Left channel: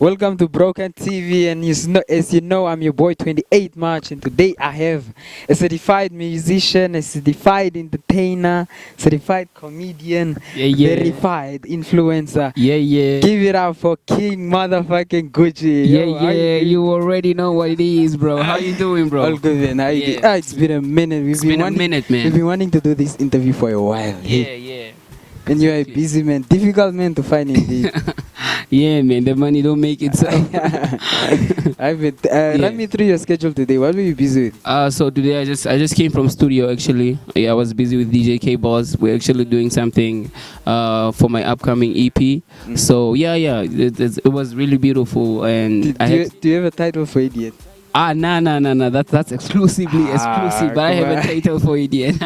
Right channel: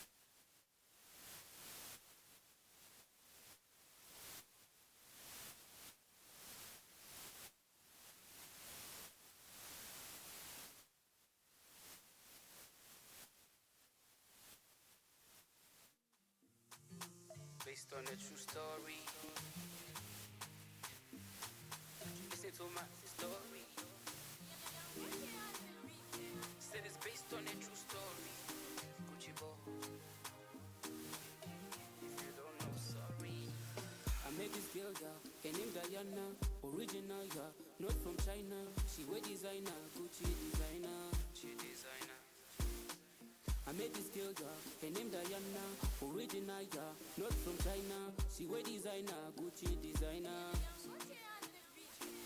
Welcome to Broken TV, and as you know, I'm your boy 28 March, and today I have a certified musician, a certified entertainer, certified comedian, verified influencer. Yeah. Give it up for King motherfucking Gucci. Yeah, Yo, how yeah. doing? You already know what it is, bro. How you doing, bro? All good, man. How you Yeah. doing? It's been a minute. It's been a minute, man. We've been wanting to do this interview for a while. Yeah. And you're a busy man, difficult man to find indeed. Yeah, man. The money don't make it so. Run me through your schedule today. What were you busy with? So today I just came from studio actually. Yeah, I was busy with DJ K Boss. We're actually doing something for my upcoming EP. So yeah, it was really beautiful. And Do you have a title for it yet? Nah. That's exclusive, but I have a title for it yet.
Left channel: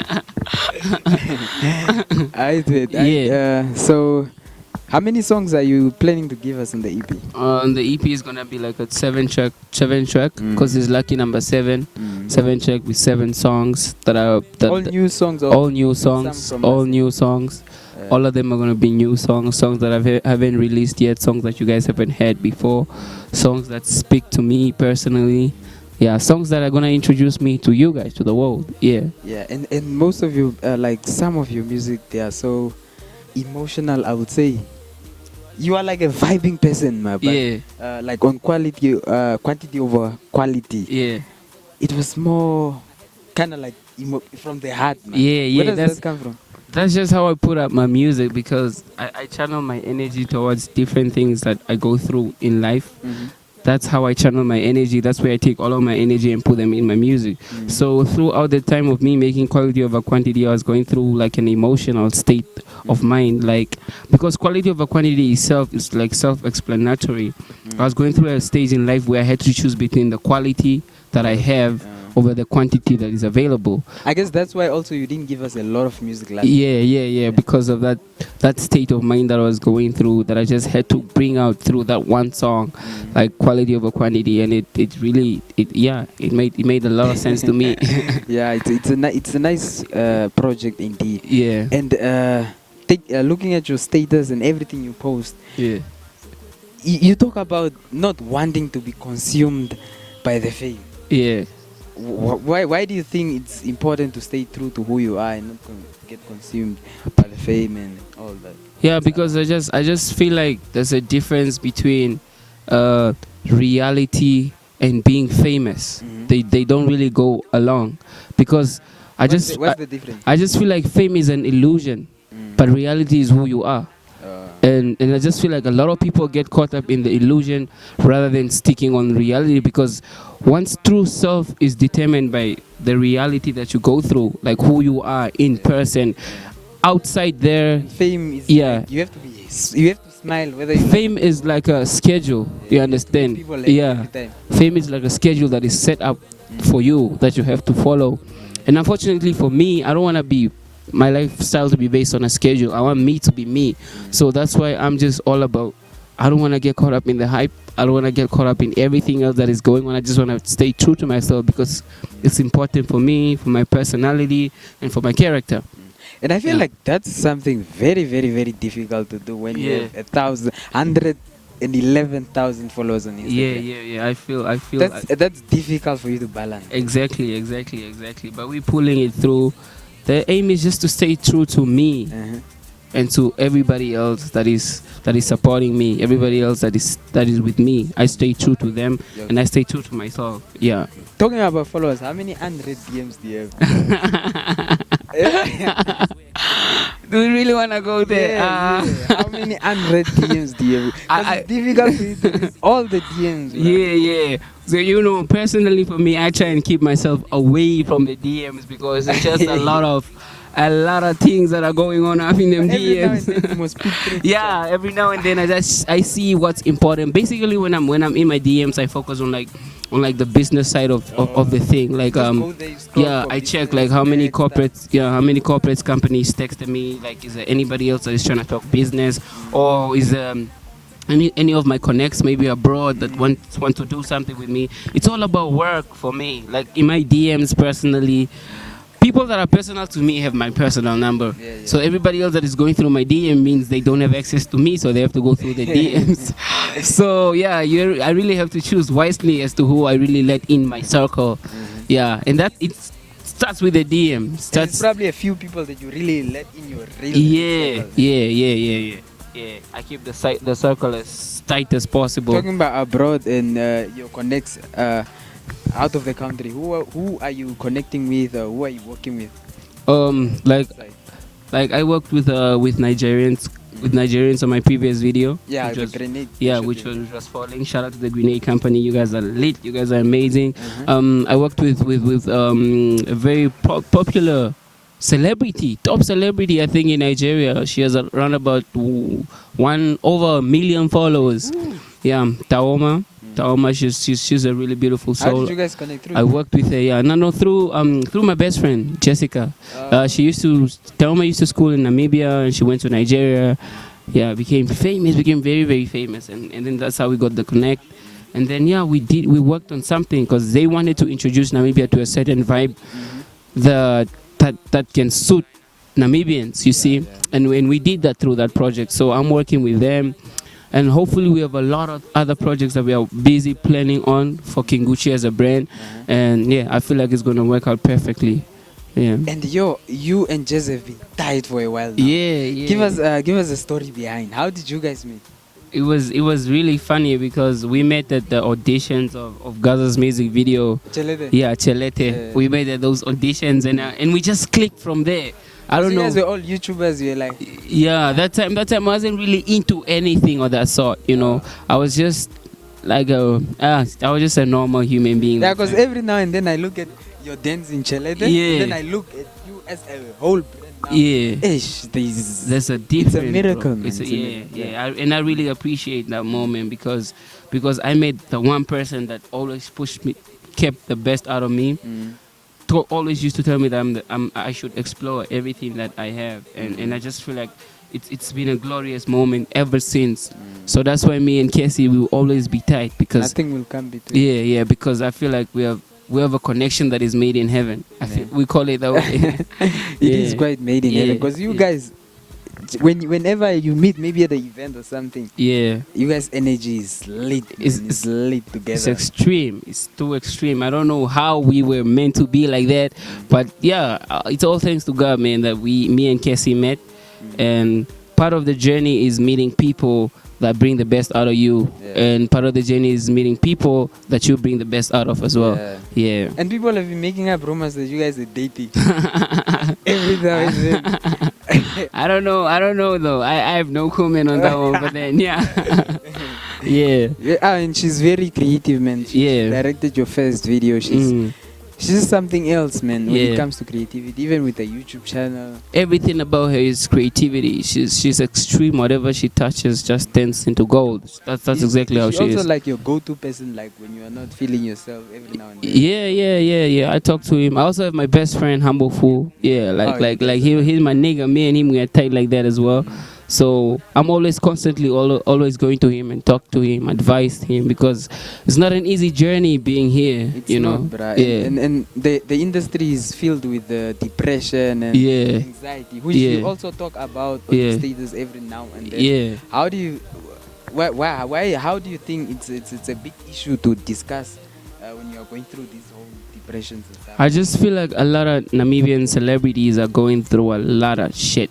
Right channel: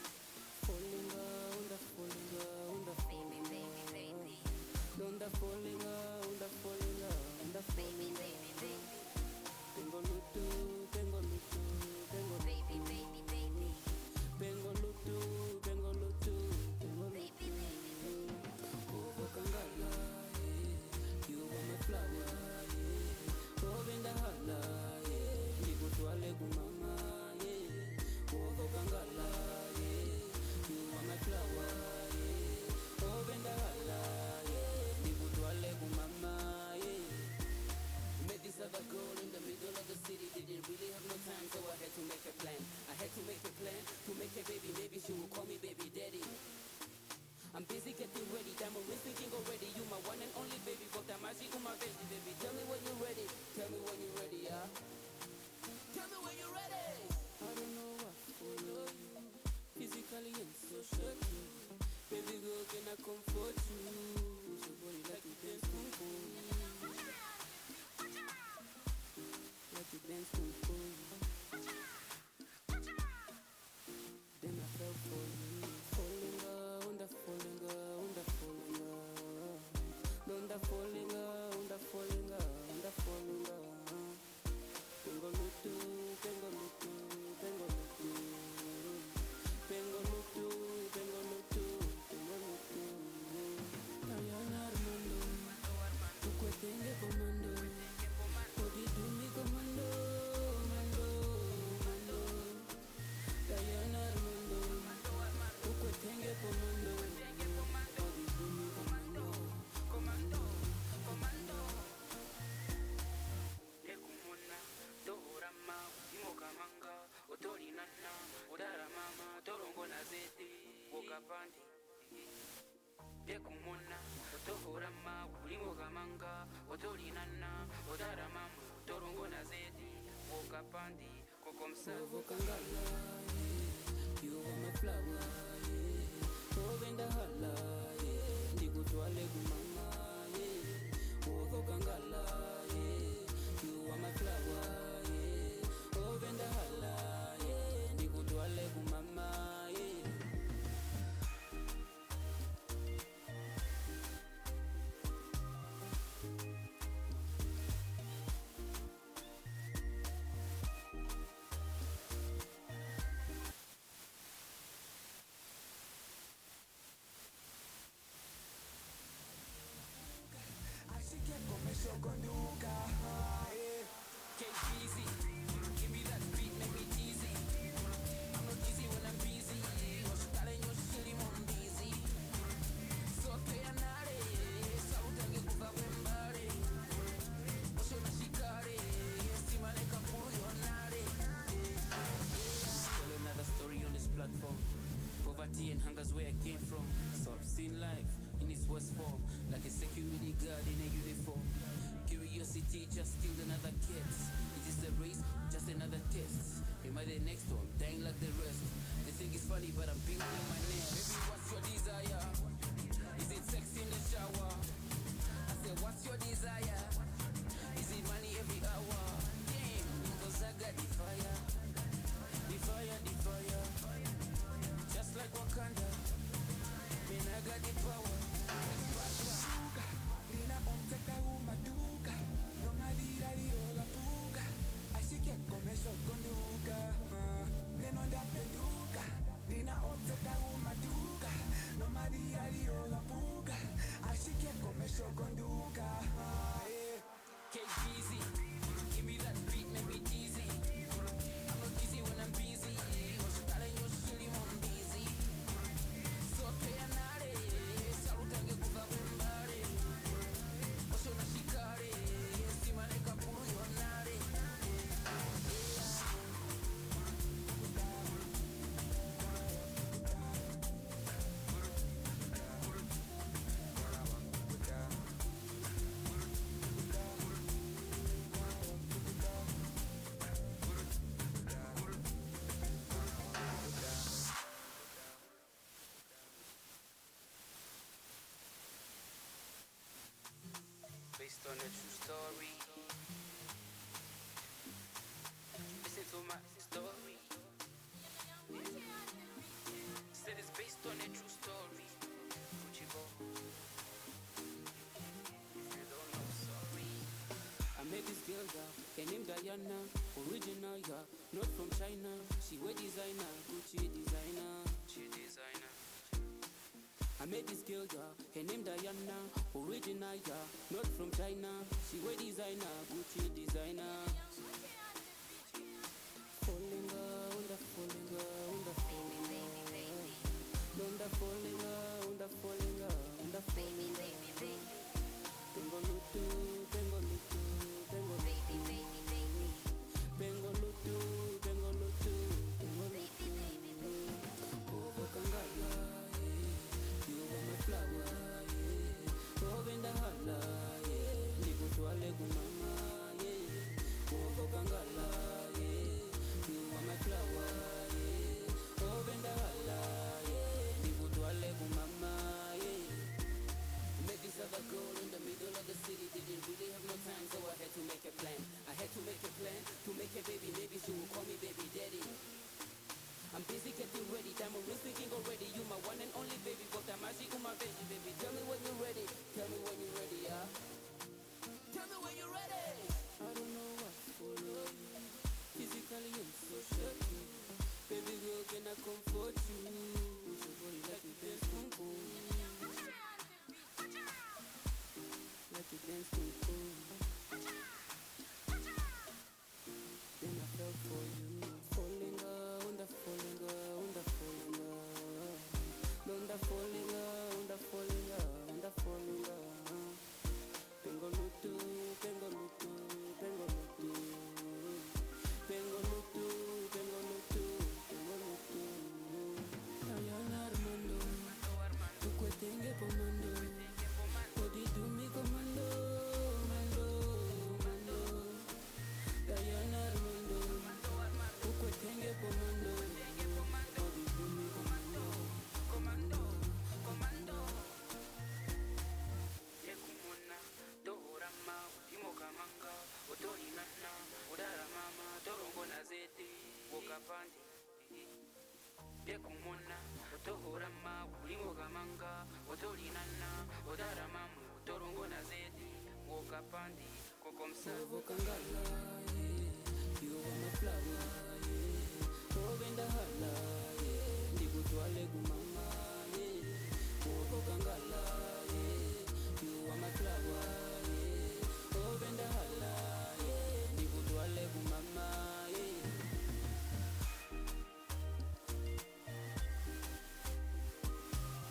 I did. Yeah. So, how many songs are you planning to give us in the EP? The EP is gonna be like a seven track, because it's lucky number 7. 7 track with 7 songs all new songs. All new songs. All of them are gonna be new songs that I haven't released yet, songs that you guys haven't heard before, songs that speak to me personally. Yeah, songs that are gonna introduce me to you guys, to the world. Yeah. Yeah, and most of you, like some of your music, they are so emotional. I would say you are like a vibing person, man. Yeah. Like on quantity over quality. Yeah. It was more kind of like from the heart, man. Yeah. Where does that come from? That's just how I put up my music, because I channel my energy towards different things that I go through in life. That's how I channel my energy. That's where I take all of my energy and put them in my music. So throughout the time of me making quality over quantity, I was going through like an emotional state of mind, like, because quality over quantity itself is like self-explanatory. I was going through a stage in life where I had to choose between the quality that I have over the quantity that is available. I guess that's why also you didn't give us a lot of music last time. Yeah, because of that state of mind that I was going through, that I just had to bring out through that one song, like quality over quantity, and it really made a lot of sense to me. Yeah, it's a nice project indeed. Yeah. And looking at your status and everything you post, Yeah. you talk about not wanting to be consumed by the fame. Yeah. Why do you think it's important to stay true to who you are and not to get consumed by the fame and all that? Yeah, because I just feel like there's a difference between reality and being famous. They don't really go along, because What's the difference? I just feel like fame is an illusion, but reality is who you are. And I just feel like a lot of people get caught up in the illusion rather than sticking on reality, because once true self is determined by the reality that you go through, like who you are in person, outside there, Fame is yeah. like you have to smile whether you Fame is like a schedule, you understand? people like Yeah. every time. Fame is like a schedule that is set up for you that you have to follow. And unfortunately for me, I don't want to be my lifestyle to be based on a schedule. I want me to be me. So that's why I'm just all about, I don't want to get caught up in the hype. I don't want to get caught up in everything else that is going on. I just want to stay true to myself, because it's important for me, for my personality, and for my character. And I feel like that's something very, very, very difficult to do when you have 111,000 followers on Instagram. Yeah. I feel That's difficult for you to balance. Exactly. But we're pulling it through. The aim is just to stay true to me and to everybody else that is supporting me, everybody else that is with me. I stay true to them, and I stay true to myself. Yeah. Talking about followers, how many unread DMs do you have? Do we really want to go there? Yeah. How many unread DMs do you have? It's difficult for you to read all the DMs. Yeah. So, personally for me, I try and keep myself away from the DMs, because it's just a lot of things that are going on in them DMs. Yeah, every now and then I see what's important. Basically, when I'm in my DMs, I focus on the business side of the thing. Like I check like how many corporates companies texted me. Like, is there anybody else that is trying to talk business, or is any of my connects maybe abroad that want to do something with me? It's all about work for me. Like in my DMs personally, people that are personal to me have my personal number. Yeah. So everybody else that is going through my DM means they don't have access to me, so they have to go through the DMs. So yeah, I really have to choose wisely as to who I really let in my circle. Yeah, and that it starts with the DM. There's probably a few people that you really let in your real Yeah. I keep the circle as tight as possible. Talking about abroad and your connects out of the country, who are you connecting with? Who are you working with? Like I worked with Nigerians on my previous video. Yeah, the grenade. Yeah, which was falling. Shout out to the grenade company. You guys are lit. You guys are amazing. I worked with a very popular celebrity, top celebrity, I think, in Nigeria. She has around about over 1 million followers. Yeah, Taoma, she's a really beautiful soul. How did you guys connect through? I worked with her, through my best friend Jessica. Taoma used to school in Namibia, and she went to Nigeria. Yeah, became very, very famous, and then that's how we got the connect. And then we worked on something because they wanted to introduce Namibia to a certain vibe that can suit Namibians, you see. And when we did that through that project, so I'm working with them. And hopefully we have a lot of other projects that we are busy planning on for Kinguchi as a brand. And I feel like it's going to work out perfectly. Yeah. And you and Jez have been tied for a while now. Yeah. Give us a story behind. How did you guys meet? It was really funny because we met at the auditions of Gaza's music video. Chelete. Yeah, Chelete. Yeah. We met at those auditions and we just clicked from there. I don't know. You guys were all YouTubers. You're like. Yeah, that time I wasn't really into anything of that sort. You know, I was just like I was just a normal human being. Yeah, because every now and then I look at your dance in Chelete. Yeah. Then I look at you as a whole. Yeah. There's a different. It's a miracle. And I really appreciate that moment because I met the one person that always pushed me, kept the best out of me. Always used to tell me that I should explore everything that I have, and I just feel like it's been a glorious moment ever since. So that's why me and Cassie will always be tight because nothing will come between. Yeah, because I feel like we have a connection that is made in heaven. We call it that way. It is quite made in heaven because you guys, whenever you meet, maybe at an event or something, you guys' energy is lit. It's lit together. It's extreme. It's too extreme. I don't know how we were meant to be like that, but it's all thanks to God, man, that me and Cassie met, and part of the journey is meeting people that bring the best out of you, and part of the journey is meeting people that you bring the best out of as well. Yeah. And people have been making up rumors that you guys are dating. Every time. I don't know though. I have no comment on that one, but then yeah. And she's very creative, man. She directed your first video. She's something else, man, when it comes to creativity, even with a YouTube channel. Everything about her is creativity. She's extreme. Whatever she touches just turns into gold. That's exactly how she is. Also like your go-to person, like when you are not feeling yourself every now and then. Yeah. I talk to him. I also have my best friend, Humble Fool. Yeah, he's my nigga. Me and him, we are tight like that as well. So I'm always constantly always going to him and talk to him, advise him, because it's not an easy journey being here. It's not, bruh. And the industry is filled with depression and anxiety, which you also talk about on the status every now and then. How do you how do you think it's a big issue to discuss when you're going through these whole depressions and stuff? I just feel like a lot of Namibian celebrities are going through a lot of shit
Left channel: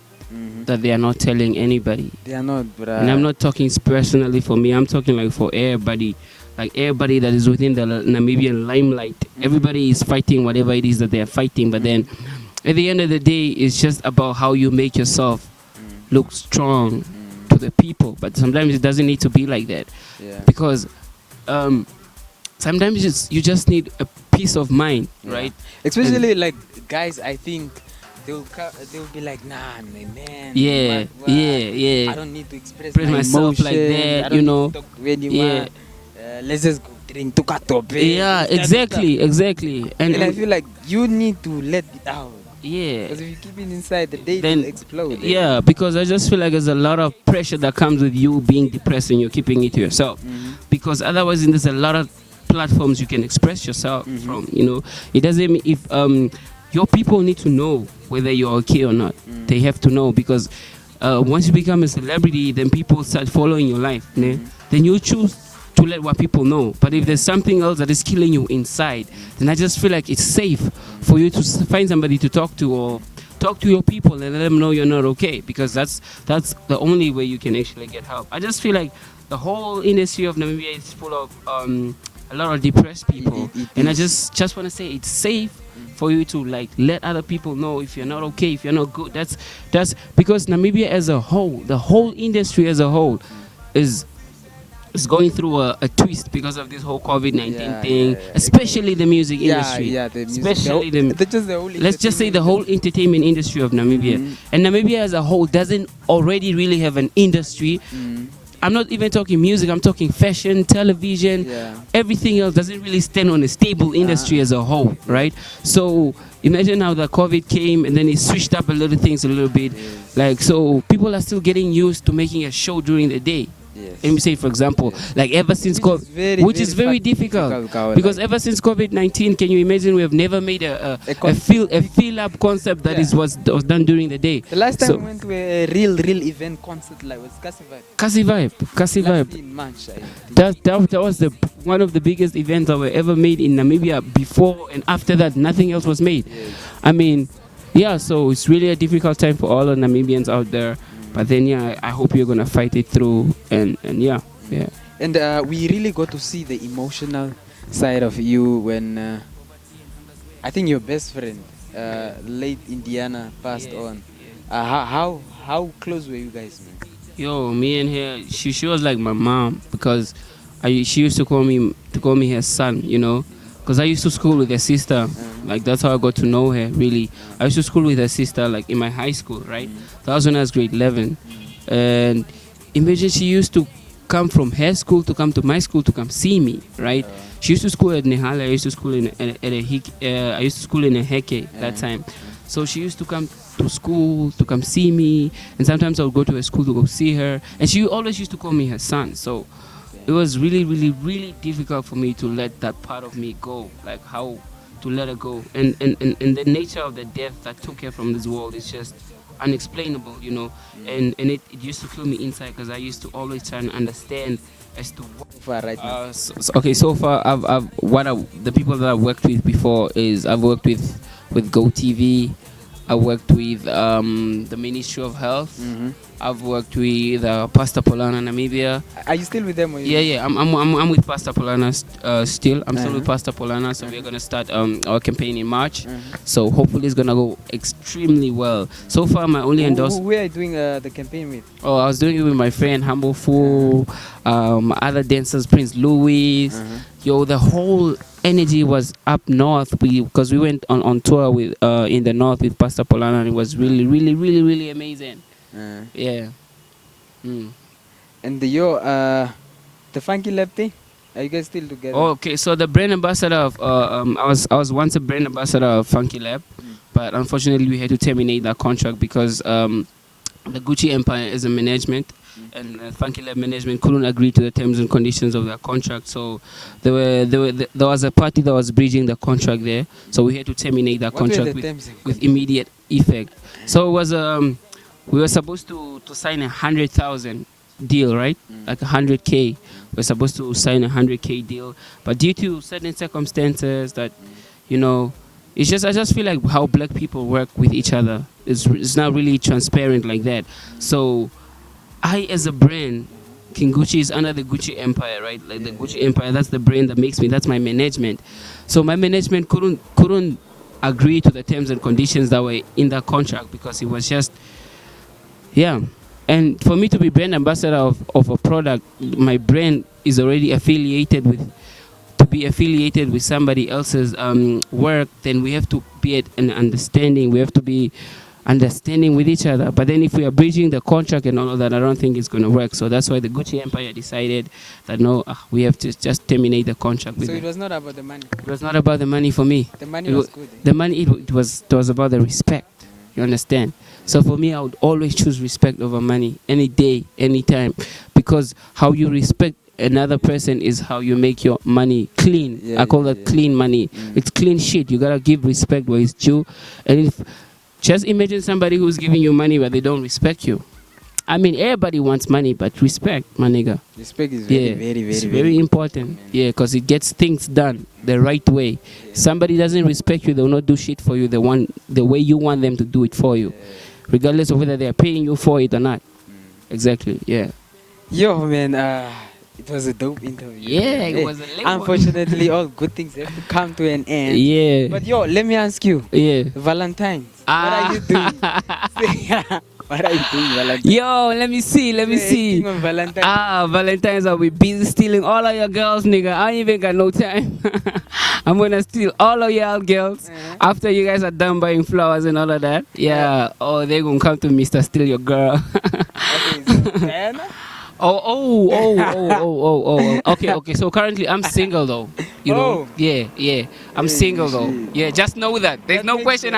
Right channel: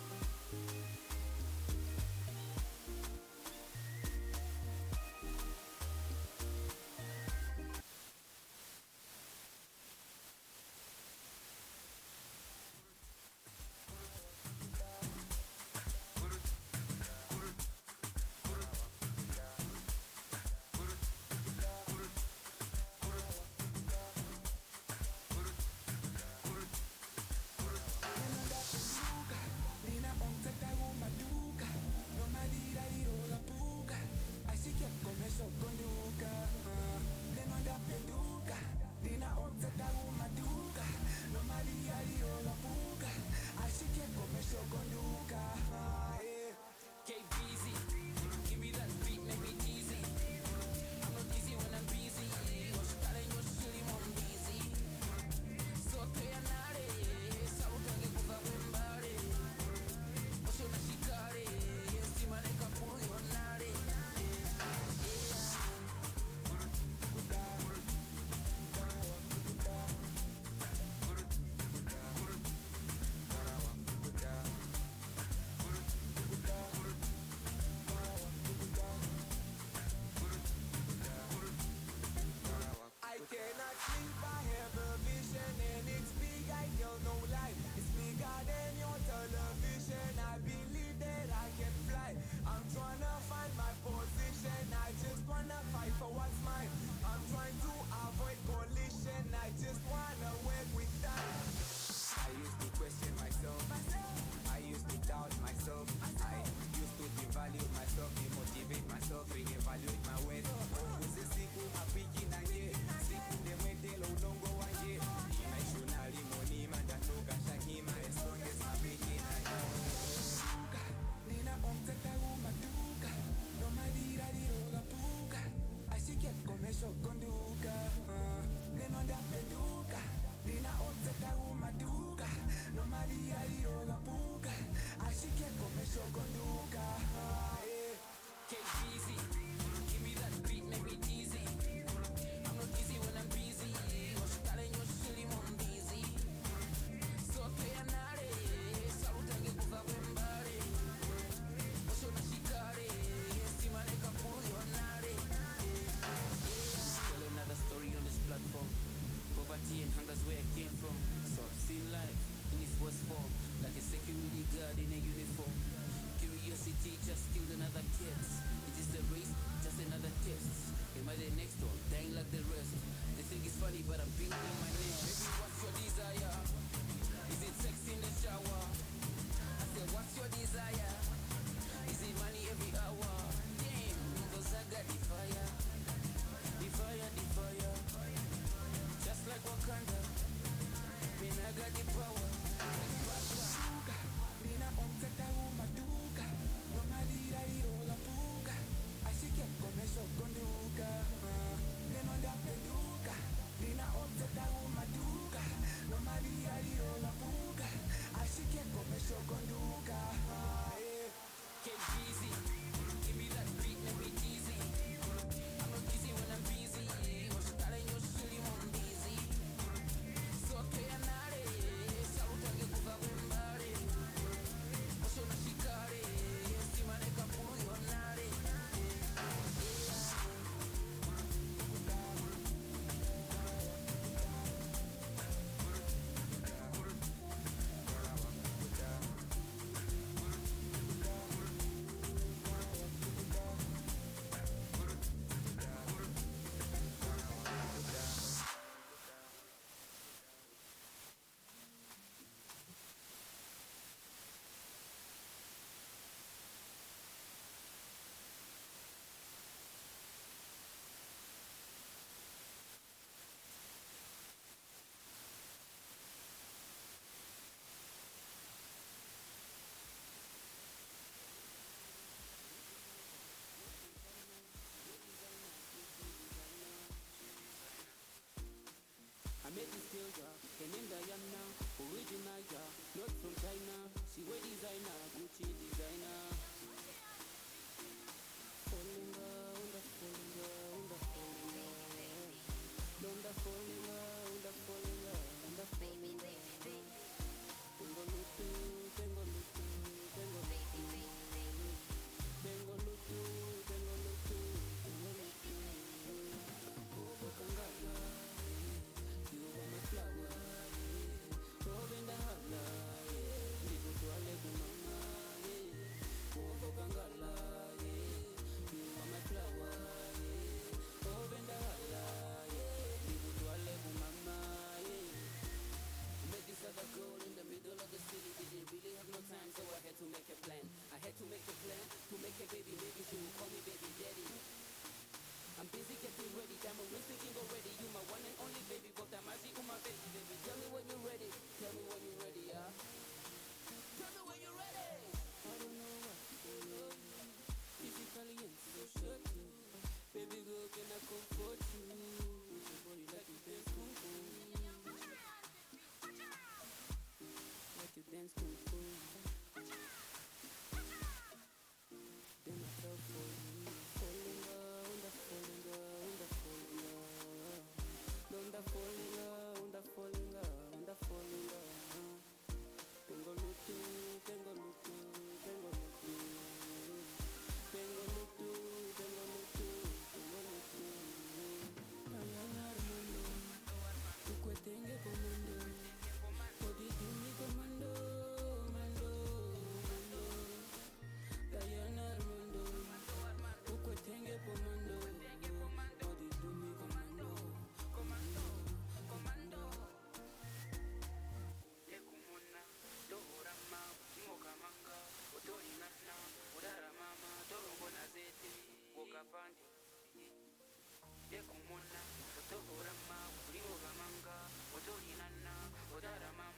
that they are not telling anybody. They are not, bruh. And I'm not talking personally for me. I'm talking like for everybody. Like everybody that is within the Namibian limelight. Everybody is fighting whatever it is that they are fighting. But then at the end of the day, it's just about how you make yourself look strong to the people. But sometimes it doesn't need to be like that. Because sometimes you just need a peace of mind, right? Especially like guys, I think they'll be like, nah, man. I don't need to express myself emotions, like that, you know. Let's just drink to katope. Yeah, exactly. And I feel like you need to let it out. Yeah. Because if you keep it inside, the day will explode. Yeah, because I just feel like there's a lot of pressure that comes with you being depressed and you're keeping it to yourself. Because otherwise, there's a lot of platforms you can express yourself from. You know, it doesn't mean your people need to know whether you're okay or not. They have to know, because once you become a celebrity, then people start following your life. Né? Then you choose to let what people know. But if there's something else that is killing you inside, then I just feel like it's safe for you to find somebody to talk to, or talk to your people and let them know you're not okay, because that's the only way you can actually get help. I just feel like the whole industry of Namibia is full of a lot of depressed people, and I just want to say it's safe for you to like let other people know if you're not okay, if you're not good. That's because Namibia as a whole, the whole industry as a whole, is going through a twist because of this whole COVID-19 thing, especially the music industry. The music, especially let's just say the whole industry. entertainment industry of Namibia. And Namibia as a whole doesn't already really have an industry. I'm not even talking music, I'm talking fashion, television, everything else doesn't really stand on a stable industry as a whole, right? So imagine how the COVID came and then it switched up a little things a little bit. Like, so people are still getting used to making a show during the day. Let me say, for example, like ever since COVID, which is very difficult, because ever since COVID-19, can you imagine we have never made a feel up concept that was done during the day. The last time we went to a real event concert like was Cassie Vibe. In March, that was one of the biggest events that were ever made in Namibia. Before and after that, nothing else was made. I mean, so it's really a difficult time for all the Namibians out there. But then, I hope you're gonna fight it through, and yeah. And we really got to see the emotional side of you when I think your best friend, late Indiana, passed on. How close were you guys? Yo, me and her, she was like my mom, because she used to call me her son, you know. Because I used to school with her sister. Like, that's how I got to know her, really. I used to school with her sister, like, in my high school, right? That was when I was grade 11. And imagine she used to come from her school to come to my school to come see me, right? She used to school at Nehala. I used to school in a Heke that time. So she used to come to school to come see me. And sometimes I would go to her school to go see her. And she always used to call me her son. So it was really, really, really difficult for me to let that part of me go, like how to let her go. And the nature of the death that took her from this world is just unexplainable, you know. And it used to fill me inside, because I used to always try and understand as to what. So far, the people that I've worked with before is I've worked with Go TV. I worked with the Ministry of Health. I've worked with Pastor Polana Namibia. Are you still with them? I'm with Pastor Polana still. I'm still with Pastor Polana, so we're gonna start our campaign in March. So hopefully it's gonna go extremely well. So far, my only endorsement. Who are you doing the campaign with? Oh, I was doing it with my friend Humble Fool, other dancers, Prince Louis. Yo, the whole energy was up north, because we went on tour with in the north with Pastor Polana, and it was really, really, really, really amazing. And the Funky Lab thing, are you guys still together? Oh, okay, so the brand ambassador of I was once a brand ambassador of Funky Lab, but unfortunately we had to terminate that contract because the Gucci Empire is a management. And Funky Lab management couldn't agree to the terms and conditions of their contract, so there was a party that was breaching the contract there, so we had to terminate that contract with immediate effect. So it was we were supposed to sign 100,000 deal, right? Like 100K. We're supposed to sign 100K deal, but due to certain circumstances that, you know, I just feel like how black people work with each other is not really transparent like that. So I, as a brand, King Gucci is under the Gucci Empire, right? Like the Gucci Empire, that's the brand that makes me, that's my management. So my management couldn't agree to the terms and conditions that were in that contract, because it was just, And for me to be brand ambassador of a product, my brand is already affiliated with somebody else's work, then we have to be at an understanding. We have to be understanding with each other. But then if we are breaching the contract and all of that, I don't think it's going to work. So that's why the Gucci Empire decided that no, we have to just terminate the contract with them. It was not about the money? It was not about the money for me. The money was good. The money, it was about the respect. You understand? So for me, I would always choose respect over money, any day, any time. Because how you respect Another person is how you make your money clean. I call that clean money. It's clean shit. You gotta give respect where it's due. And if just imagine somebody who's giving you money but they don't respect you. I mean, everybody wants money, but respect, my nigga. Respect is very important. Yeah, because it gets things done the right way. Somebody doesn't respect you, they'll not do shit for you the way you want them to do it for you, regardless of whether they're paying you for it or not. Exactly, yeah. Yo, man, it was a dope interview. Yeah, it was a late one. Unfortunately, all good things have to come to an end. Yeah. But yo, let me ask you. Yeah. Valentine, what are you doing? What are you doing, Valentine? Yo, let me see. Valentine. Valentine's, I'll be busy stealing all of your girls, nigga. I ain't even got no time. I'm gonna steal all of y'all girls after you guys are done buying flowers and all of that. Yeah. Oh, they're gonna come to me to steal your girl. Okay, so Diana? Okay. So currently I'm single though. You know? Yeah. I'm single though. Yeah, just know that. There's no question